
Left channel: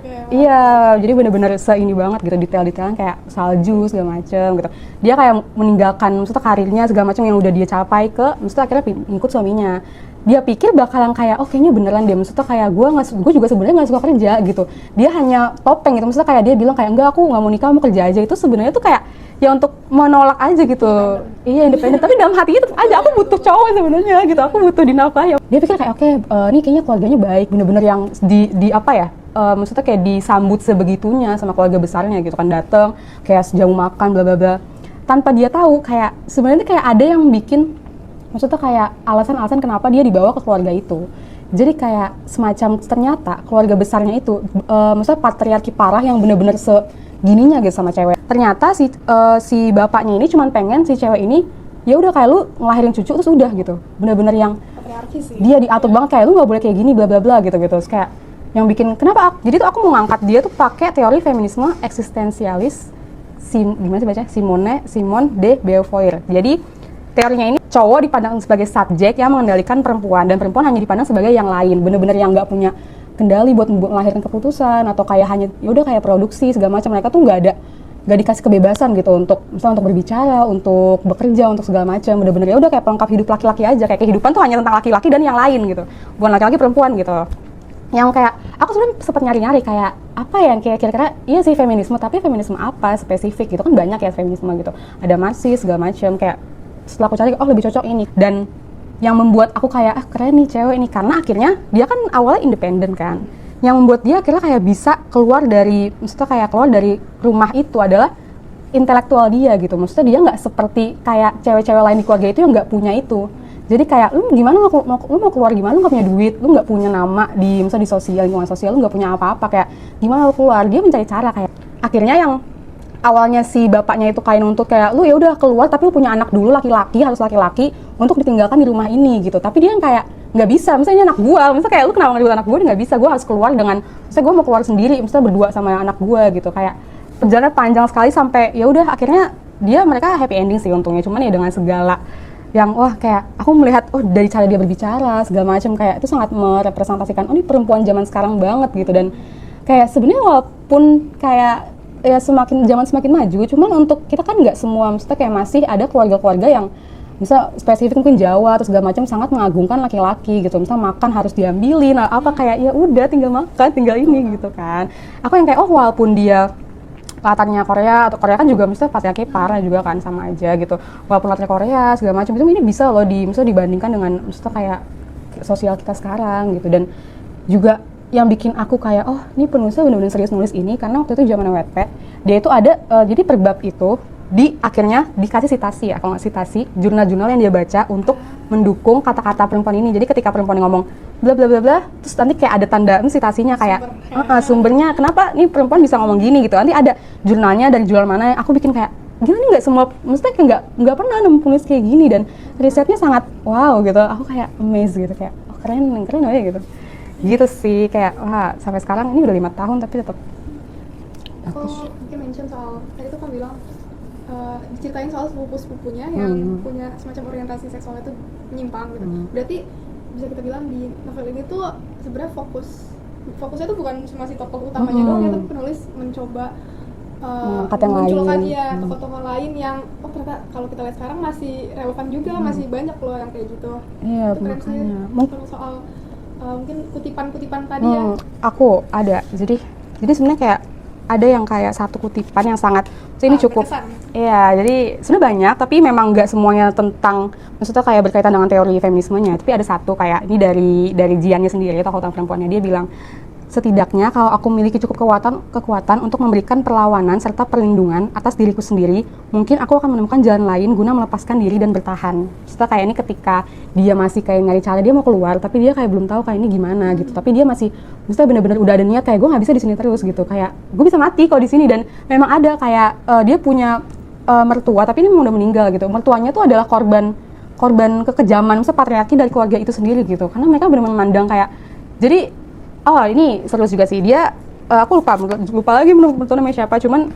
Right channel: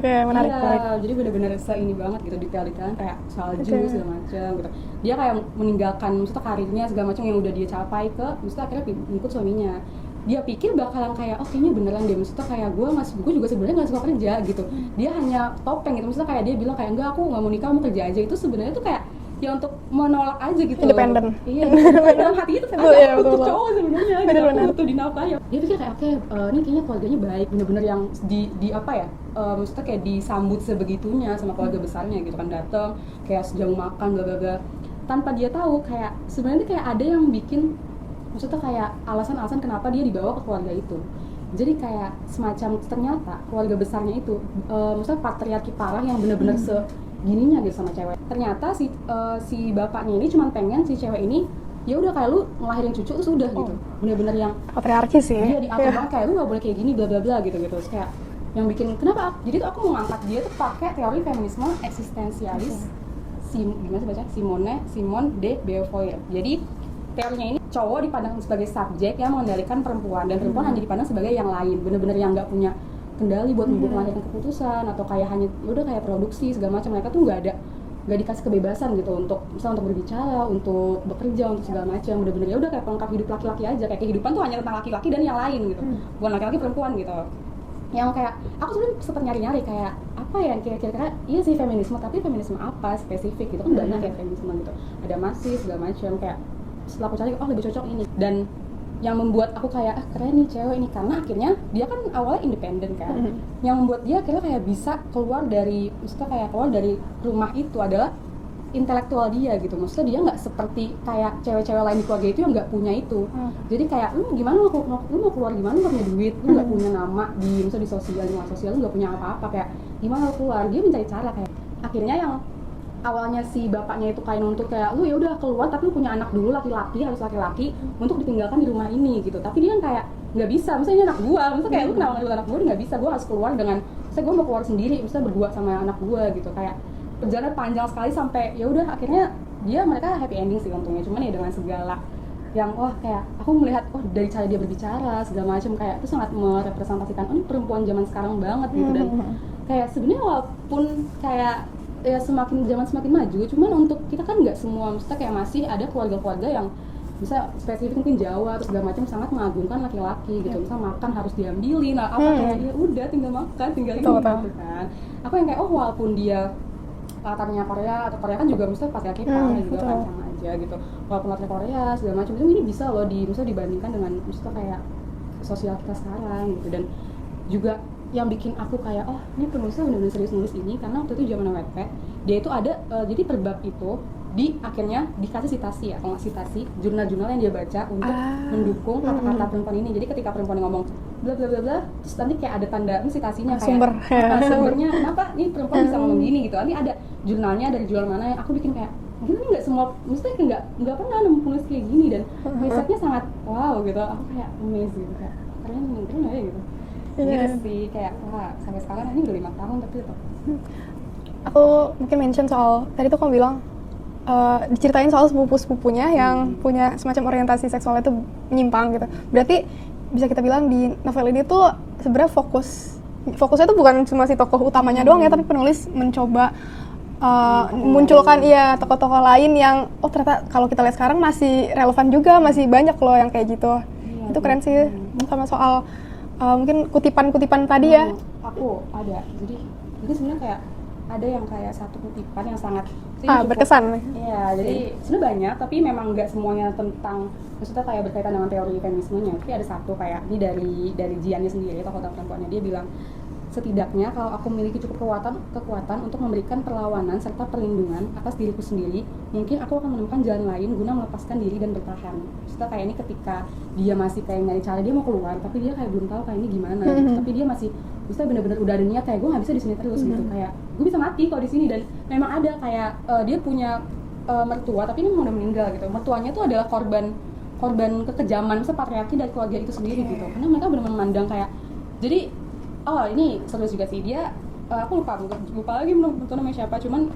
Oke, menarik. Iya, jadi bener-bener ini banget gitu, detail-detailnya kayak salju segala macem gitu. Dia kayak meninggalkan maksudnya karirnya segala macam yang udah dia capai maksudnya akhirnya ngikut suaminya. Dia pikir bakalan kayak kayaknya beneran deh, maksudnya kayak gue juga sebenarnya nggak suka kerja gitu. Dia hanya topeng gitu, maksudnya kayak dia bilang kayak enggak, aku nggak mau nikah, mau kerja aja. Itu sebenarnya tuh kayak ya untuk menolak aja gitu. Independen. Iya, independen. Tapi dalam hati itu ada aku butuh cowok sebenarnya gitu. Aku butuh dinafkahi. Dia pikir kayak ini kayaknya keluarganya baik, bener-bener yang di apa ya? Maksudnya kayak disambut sebegitunya sama keluarga besarnya gitu kan, datang kayak sejauh makan bla bla bla. Tanpa dia tahu kayak sebenarnya kayak ada yang bikin, maksudnya kayak alasan-alasan kenapa dia dibawa ke keluarga itu. Jadi kayak semacam ternyata keluarga besarnya itu maksudnya patriarki parah yang bener-bener segininya gitu sama cewek. Ternyata si bapaknya ini cuma pengen si cewek ini ya udah kayak lu ngelahirin cucu terus udah gitu. Bener-bener yang patriarki sih. Dia diatur banget kayak lu nggak boleh kayak gini bla bla bla gitu. Terus kayak yang bikin kenapa jadi tuh aku mau ngangkat dia tuh pakai teori feminisme eksistensialis gimana sih bacanya? Simone de Beauvoir. Jadi teorinya ini cowok dipandang sebagai subjek yang mengendalikan perempuan, dan perempuan hanya dipandang sebagai yang lain, bener-bener yang nggak punya kendali buat melahirkan keputusan atau kayak hanya ya udah kayak produksi segala macam. Mereka tuh nggak dikasih kebebasan gitu untuk misalnya untuk berbicara, untuk bekerja, untuk segala macam. Bener-bener ya udah kayak pelengkap hidup laki-laki aja, kayak kehidupan tuh hanya tentang laki-laki dan yang lain gitu, bukan laki-laki perempuan gitu. Yang kayak aku sebenarnya sempat nyari-nyari kayak apa yang kayak kira-kira iya sih feminisme, tapi feminisme apa spesifik gitu kan, banyak ya feminisme gitu, ada marxis segala macam. Kayak setelah aku cari lebih cocok ini, dan yang membuat aku kayak keren nih cewek ini karena akhirnya dia kan awalnya independen kan. Yang membuat dia akhirnya kayak bisa keluar dari rumah itu adalah intelektual dia gitu. Maksudnya dia nggak seperti kayak cewek-cewek lain di keluarga itu yang nggak punya itu. Jadi kayak lu gimana lu mau keluar gimana, lu nggak punya duit, lu nggak punya nama misalnya di lingkungan sosial, lu nggak punya apa-apa, kayak gimana lu keluar. Dia mencari cara kayak akhirnya yang awalnya si bapaknya itu kayak nuntut kayak lu ya udah keluar tapi lu punya anak dulu harus laki-laki untuk ditinggalkan di rumah ini gitu. Tapi dia yang kayak nggak bisa, misalnya ini anak gua, misalnya kayak lu kenapa nggak anak gua, nggak bisa, gua harus keluar dengan, misalnya gua mau keluar sendiri, misalnya berdua sama anak gua gitu. Kayak perjalanan panjang sekali sampai ya udah akhirnya mereka happy ending sih untungnya, cuman ya dengan segala yang kayak aku melihat dari cara dia berbicara segala macam, kayak itu sangat merepresentasikan ini perempuan zaman sekarang banget gitu. Dan kayak sebenarnya walaupun kayak ya semakin maju, cuman untuk kita kan nggak semua, maksudnya kayak masih ada keluarga-keluarga yang bisa spesifik mungkin Jawa atau segala macam sangat mengagungkan laki-laki gitu. Misalnya makan harus diambilin kayak ya udah tinggal makan, tinggal ini gitu kan. Aku yang kayak walaupun dia latarnya Korea, atau Korea kan juga misalnya patriarki parah juga kan, sama aja gitu. Walaupun latarnya Korea segala macam, itu ini bisa loh misalnya dibandingkan dengan misalnya kayak sosial kita sekarang gitu. Dan juga yang bikin aku kayak ini penulisnya benar-benar serius nulis ini karena waktu itu zaman Wattpad dia itu ada jadi per bab itu akhirnya dikasih sitasi kalau nggak sitasi jurnal-jurnal yang dia baca untuk mendukung kata-kata perempuan ini. Jadi ketika perempuan ngomong bla bla bla bla, terus nanti kayak ada tanda sitasinya kayak sumbernya kenapa nih perempuan bisa ngomong gini gitu. Nanti ada jurnalnya dari jurnal mana. Aku bikin kayak gini nih, nggak semua, maksudnya kayak nggak pernah nemu penulis kayak gini, dan risetnya sangat wow gitu. Aku kayak amazed gitu, kayak keren aja gitu. Gitu sih, kayak sampai sekarang ini udah 5 tahun tapi tetap. Aku mungkin mention soal tadi tuh kamu bilang diceritain soal sepupu-sepupunya yang punya semacam orientasi seksualnya itu menyimpang gitu. Berarti bisa kita bilang di novel ini tuh sebenarnya fokusnya tuh bukan cuma si tokoh utamanya doang ya, tapi penulis mencoba memunculkan tokoh-tokoh lain yang ternyata kalau kita lihat sekarang masih relevan juga, masih banyak loh yang kayak gitu. Itu keren sih. Sama soal mungkin kutipan-kutipan tadi ya. Aku ada. Jadi sebenarnya kayak ada yang kayak satu kutipan yang sangat ini cukup berkesan. Iya, jadi sebenarnya banyak tapi memang nggak semuanya tentang, maksudnya kayak berkaitan dengan teori feminismenya. Tapi ada satu kayak ini dari Jiannya sendiri, tokoh utama perempuannya. Dia bilang, setidaknya kalau aku memiliki cukup kekuatan untuk memberikan perlawanan serta perlindungan atas diriku sendiri, mungkin aku akan menemukan jalan lain guna melepaskan diri dan bertahan. Setelah kayak ini ketika dia masih kayak nyari cara, dia mau keluar tapi dia kayak belum tahu kayak ini gimana gitu. Tapi dia masih maksudnya benar-benar udah ada niat kayak gue nggak bisa di sini terus gitu, kayak gue bisa mati kalau di sini. Dan memang ada kayak dia punya mertua tapi ini memang udah meninggal gitu. Mertuanya tuh adalah korban korban kekejaman, misalnya patriarki dari keluarga itu sendiri gitu. Karena mereka benar-benar memandang kayak, jadi, oh ini seru juga sih, dia, aku lupa lagi menurut namanya siapa, cuman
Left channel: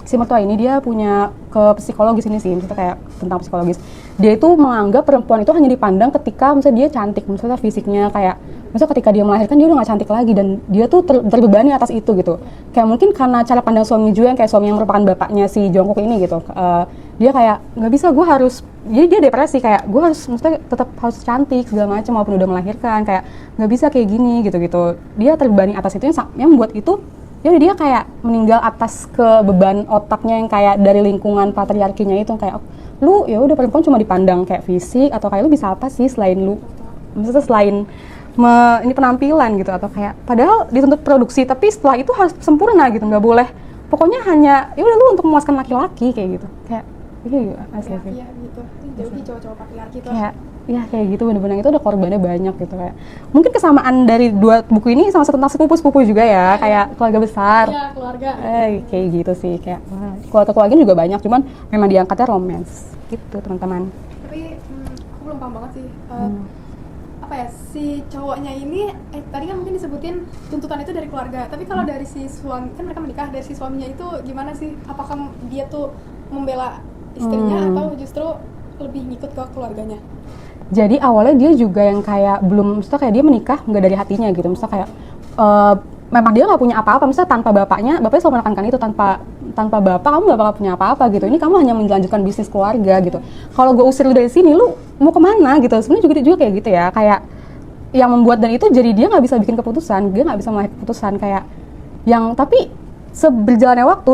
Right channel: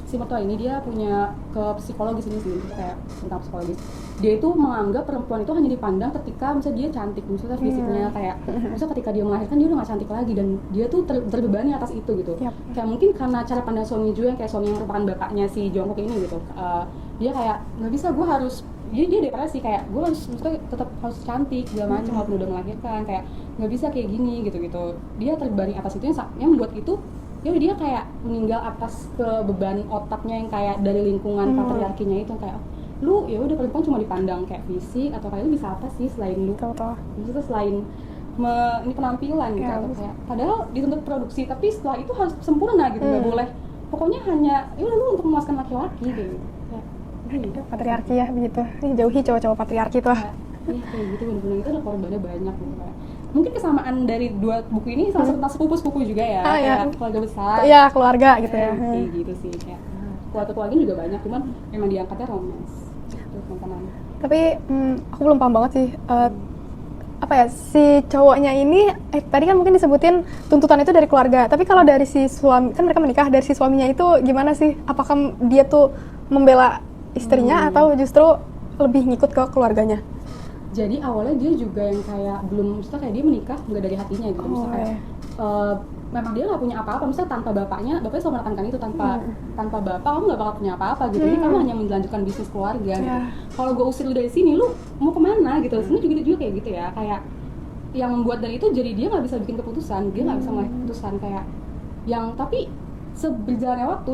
si mertua ini dia punya ke psikologis ini sih, maksudnya kayak tentang psikologis. Dia itu menganggap perempuan itu hanya dipandang ketika misalnya dia cantik, misalnya fisiknya kayak, misalnya ketika dia melahirkan dia udah gak cantik lagi dan dia tuh terbebani atas itu gitu. Kayak mungkin karena cara pandang suami juga yang kayak suami yang merupakan bapaknya si Jungkook ini gitu. Dia kayak nggak bisa, gue harus, jadi dia depresi kayak gue harus, maksudnya tetap harus cantik segala macam walaupun udah melahirkan, kayak nggak bisa kayak gini gitu. Dia terbebani atas itu yang membuat itu ya dia kayak meninggal atas ke beban otaknya yang kayak dari lingkungan patriarkinya itu kayak lu ya udah perempuan cuma dipandang kayak fisik atau kayak lu bisa apa sih selain lu, maksudnya selain ini penampilan gitu atau kayak padahal dituntut produksi tapi setelah itu harus sempurna gitu, nggak boleh pokoknya hanya ya udah lu untuk memuaskan laki-laki kayak gitu, kayak ya, patriarki ya begitu. Jauhi cowok-cowok patriarki tuh. Kayak gitu, bener-bener itu ada korbannya banyak gitu kayak. Mungkin kesamaan dari dua buku ini sama tentang sepupu-sepupu juga ya, kayak keluarga besar. Iya, keluarga gitu. Kayak gitu sih, kayak keluarga juga banyak, cuman memang diangkatnya romance gitu, teman-teman. Tapi aku belum paham banget sih. Apa ya, si cowoknya ini tadi kan mungkin disebutin tuntutan itu dari keluarga. Tapi kalau dari si suami, kan mereka menikah, dari si suaminya itu gimana sih? Apakah dia tuh membela istrinya atau justru lebih ngikut ke keluarganya? Jadi awalnya dia juga yang kayak belum, maksudnya kayak dia menikah nggak dari hatinya gitu, maksudnya kayak memang dia nggak punya apa-apa, misalnya tanpa bapaknya selalu menekankan itu, tanpa bapak kamu nggak bakal punya apa-apa gitu, ini kamu hanya melanjutkan bisnis keluarga gitu. Kalau gue usir lu dari sini, lu mau kemana gitu, sebenarnya juga kayak gitu ya, kayak yang membuat dan itu jadi dia nggak bisa bikin keputusan, dia nggak bisa mengambil keputusan kayak yang, tapi seberjalannya waktu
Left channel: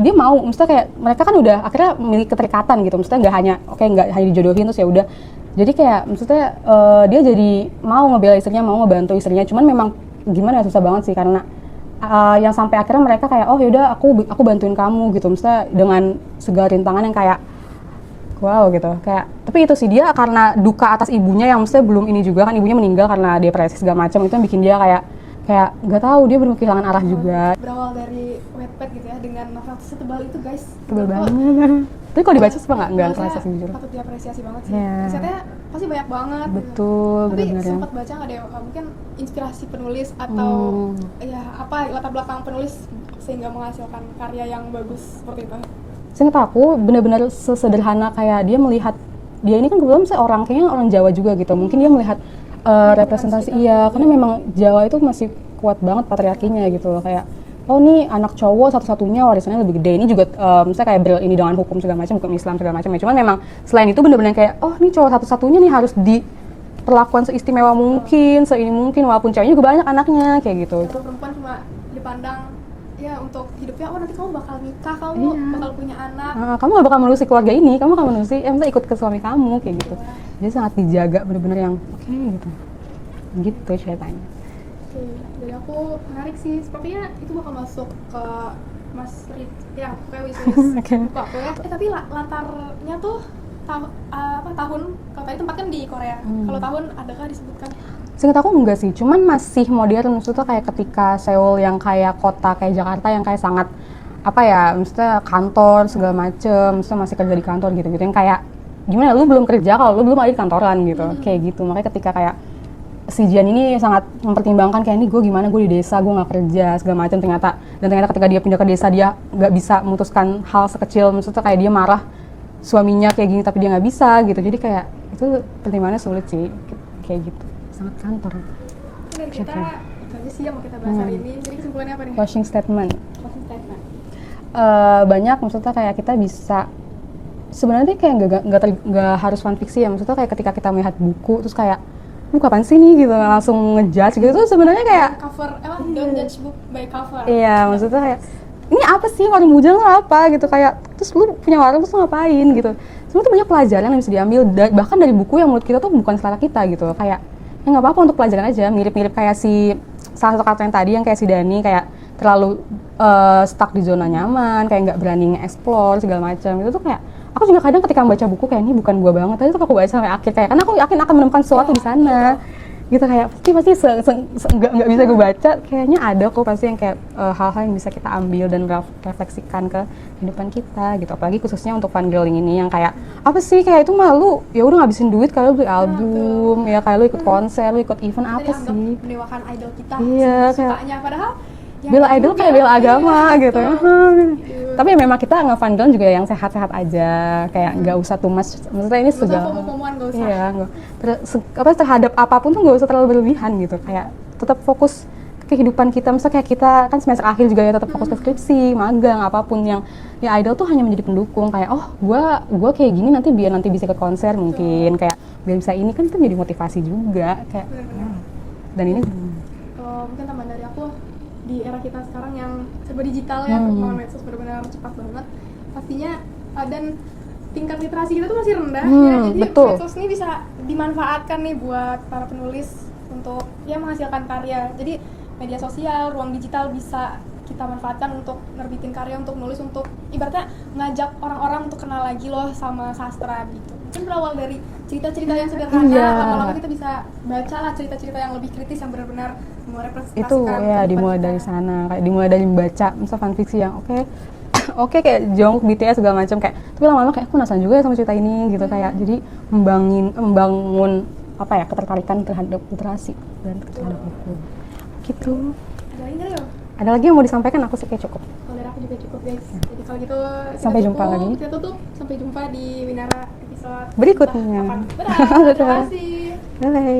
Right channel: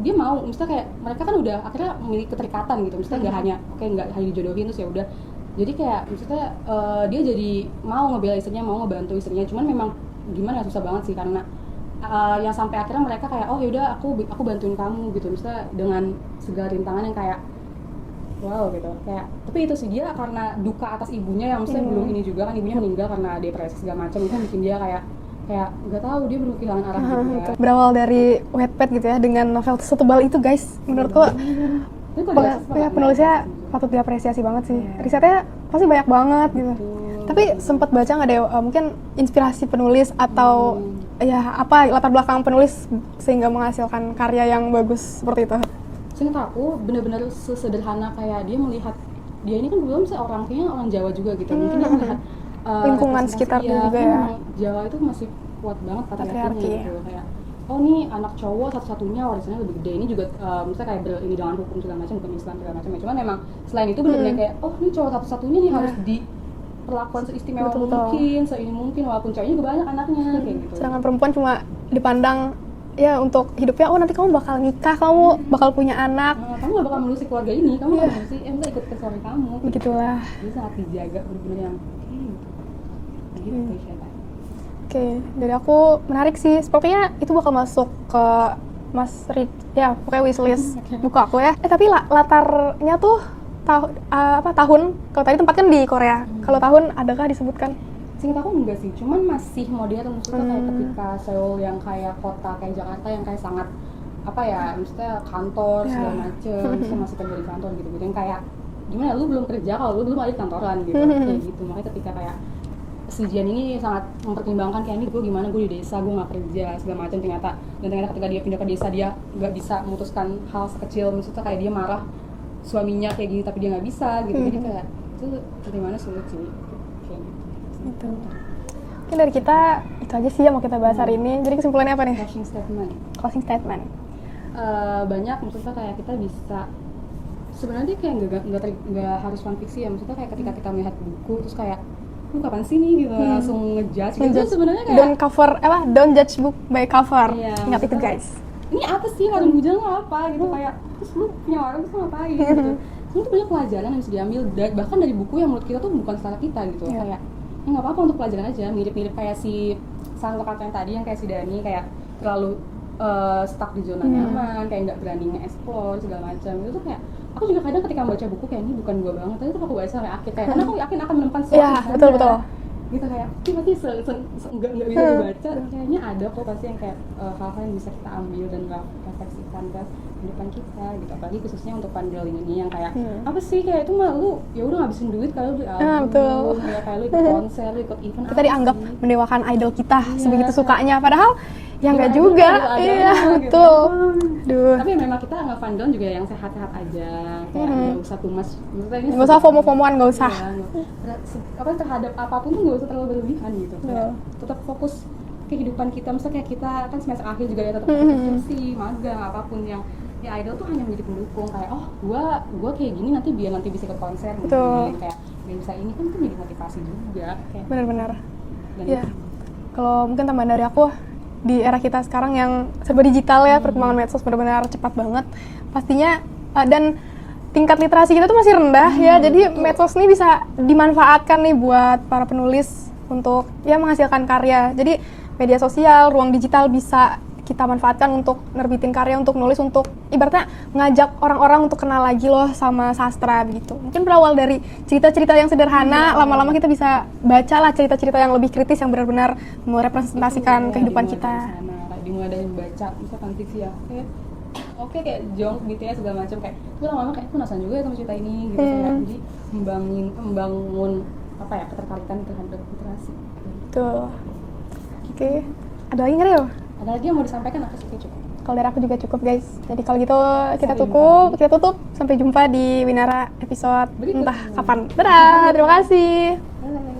dia mau, maksudnya kayak mereka kan udah akhirnya memiliki keterikatan gitu, maksudnya nggak hanya dijodohin terus ya udah. Jadi kayak maksudnya dia jadi mau ngebela istrinya, mau ngebantu istrinya, cuman memang gimana susah banget sih karena yang sampai akhirnya mereka kayak oh yaudah aku bantuin kamu gitu, maksudnya dengan segala rintangan yang kayak wow gitu, kayak tapi itu sih dia karena duka atas ibunya yang maksudnya belum ini juga kan, ibunya meninggal karena depresi segala macam, itu yang bikin dia kayak nggak tahu, dia belum kehilangan arah juga. Berawal dari Wattpad gitu ya, dengan novel setebal itu guys, menurutku tapi kalau dibaca suka nggak? Penulisnya patut diapresiasi banget sih. Risetnya pasti banyak banget gitu. Tapi sempat baca nggak deh mungkin inspirasi penulis atau ya apa latar belakang penulis sehingga menghasilkan karya yang bagus seperti itu? Seingat aku benar-benar sesederhana kayak dia melihat, dia ini kan kebetulan saya kayaknya orang Jawa juga gitu. Mungkin dia melihat representasi karena memang Jawa itu masih kuat banget patriarkinya gitu loh, kayak oh nih anak cowok satu-satunya warisannya lebih gede, ini juga misalnya kayak ini dengan hukum segala macam, hukum Islam segala macam ya, cuman memang selain itu benar-benar kayak oh nih cowok satu-satunya nih harus diperlakukan seistimewa mungkin, seini mungkin, walaupun ceweknya juga banyak anaknya kayak gitu. Sedangkan perempuan cuma dipandang ya untuk hidupnya, oh nanti kamu bakal nikah, kamu bakal punya anak, kamu gak bakal menerusi keluarga ini, kamu bakal menerusi, misalnya ikut ke suami kamu kayak gitu. Jadi sangat dijaga benar-benar yang gitu ceritanya. Oke, dari aku menarik sih. Sepertinya itu bakal masuk ke Mas Rik, ya pokoknya wishlist buka aku ya. Tapi latarnya tuh tahun, kalau tadi tempat kan di Korea. Kalau tahun adakah disebutkan? Seingat aku enggak sih, cuman masih modern, maksudnya kayak ketika Seoul yang kayak kota kayak Jakarta yang kayak sangat apa ya, maksudnya kantor segala macem, maksudnya masih kerja di kantor gitu-gitu, yang kayak gimana lu belum kerja kalau lu belum ada di kantoran gitu, kayak gitu. Makanya ketika kayak si Jian ini sangat mempertimbangkan kayak ini gue gimana, gue di desa, gue nggak kerja segala macam, ternyata ketika dia pindah ke desa dia nggak bisa memutuskan hal sekecil, maksudnya kayak dia marah suaminya kayak gini tapi dia nggak bisa gitu. Jadi kayak itu pertimbangannya sulit sih kayak gitu, sangat kantor. Mungkin dari kita itu aja sih yang mau kita bahas hari ini. Jadi kesimpulannya apa nih? Closing statement. Banyak, maksudnya kayak kita bisa sebenarnya kayak nggak harus fanfiksi ya, maksudnya kayak ketika kita melihat buku terus kayak kapan sih nih gitu, langsung ngejudge gitu. Tuh sebenarnya kayak don't judge book by cover. Iya, maksudnya kayak ini apa sih warung bujang tuh apa gitu, kayak terus lu punya warung terus lu ngapain gitu. Sebenarnya tuh banyak pelajaran yang bisa diambil bahkan dari buku yang menurut kita tuh bukan selera kita gitu. Kayak ya nggak apa-apa untuk pelajaran aja, mirip-mirip kayak si salah satu karakter yang tadi yang kayak si Dani, kayak terlalu stuck di zona nyaman, kayak nggak berani nge-explore segala macam. Itu tuh kayak aku juga kadang ketika membaca buku kayak ini bukan gua banget, tapi tuh aku baca sampai akhir kayak karena aku yakin akan menemukan sesuatu di sana. gitu, kayak pasti nggak bisa gue baca, kayaknya ada kok pasti yang kayak hal-hal yang bisa kita ambil dan refleksikan ke kehidupan kita gitu, apalagi khususnya untuk fangirling ini yang kayak apa sih, kayak itu malu ya udah ngabisin duit kalau beli album, ya kayak lu ikut konser, lu ikut event, kita dianggap mendewakan idol kita Iya, segitu sukanya, padahal ya bela nggak idol juga, kayak bela agama gitu. betul. Tapi memang kita ngefangirling juga yang sehat-sehat aja, kayak nggak usah too much. Maksudnya ini nggak usah FOMO-FOMOan, nggak usah. Iya, terhadap apapun tuh nggak usah terlalu berlebihan gitu. Kayak tetap fokus ke kehidupan kita. Misalnya kayak kita kan semester akhir juga ya, tetap fokus ke skripsi, magang, apapun yang ya idol tuh hanya menjadi pendukung. Kayak gue kayak gini nanti biar nanti bisa ke konser mungkin, kayak biar bisa ini, kan itu menjadi motivasi juga. Kayak Benar-benar. dan ini Kalau mungkin tambahan dari aku, di era kita sekarang yang serba digital ya, perkembangan medsos benar-benar cepat banget pastinya, dan tingkat literasi kita tuh masih rendah ya, jadi betul. medsos ini bisa dimanfaatkan nih buat para penulis untuk ya menghasilkan karya. Jadi media sosial, ruang digital bisa kita manfaatkan untuk nerbitin karya, untuk nulis, untuk ibaratnya ngajak orang-orang untuk kenal lagi loh sama sastra gitu. Mungkin berawal dari cerita-cerita yang sederhana, lama-lama kita bisa baca lah cerita-cerita yang lebih kritis yang benar-benar merepresentasikan itu, ya, kehidupan dimulai kita. dari sana, kayak dimulai dari membaca misal fanfiksi yang oke kayak Jongkook, BTS segala macam, kayak tapi lama-lama kayak aku penasaran juga ya sama cerita ini gitu, kayak jadi membangun apa ya, ketertarikan terhadap literasi dan Betul. gitu. Oke. Ada lagi nggak, Rio? Ada lagi yang mau disampaikan? Aku sih kayak cukup. Kalau dari aku juga cukup, guys. Jadi kalau gitu Sampai jumpa lagi. kita tutup. Sampai jumpa di Winara episode Berikutnya. entah kapan. Dadah, terima kasih. Bye.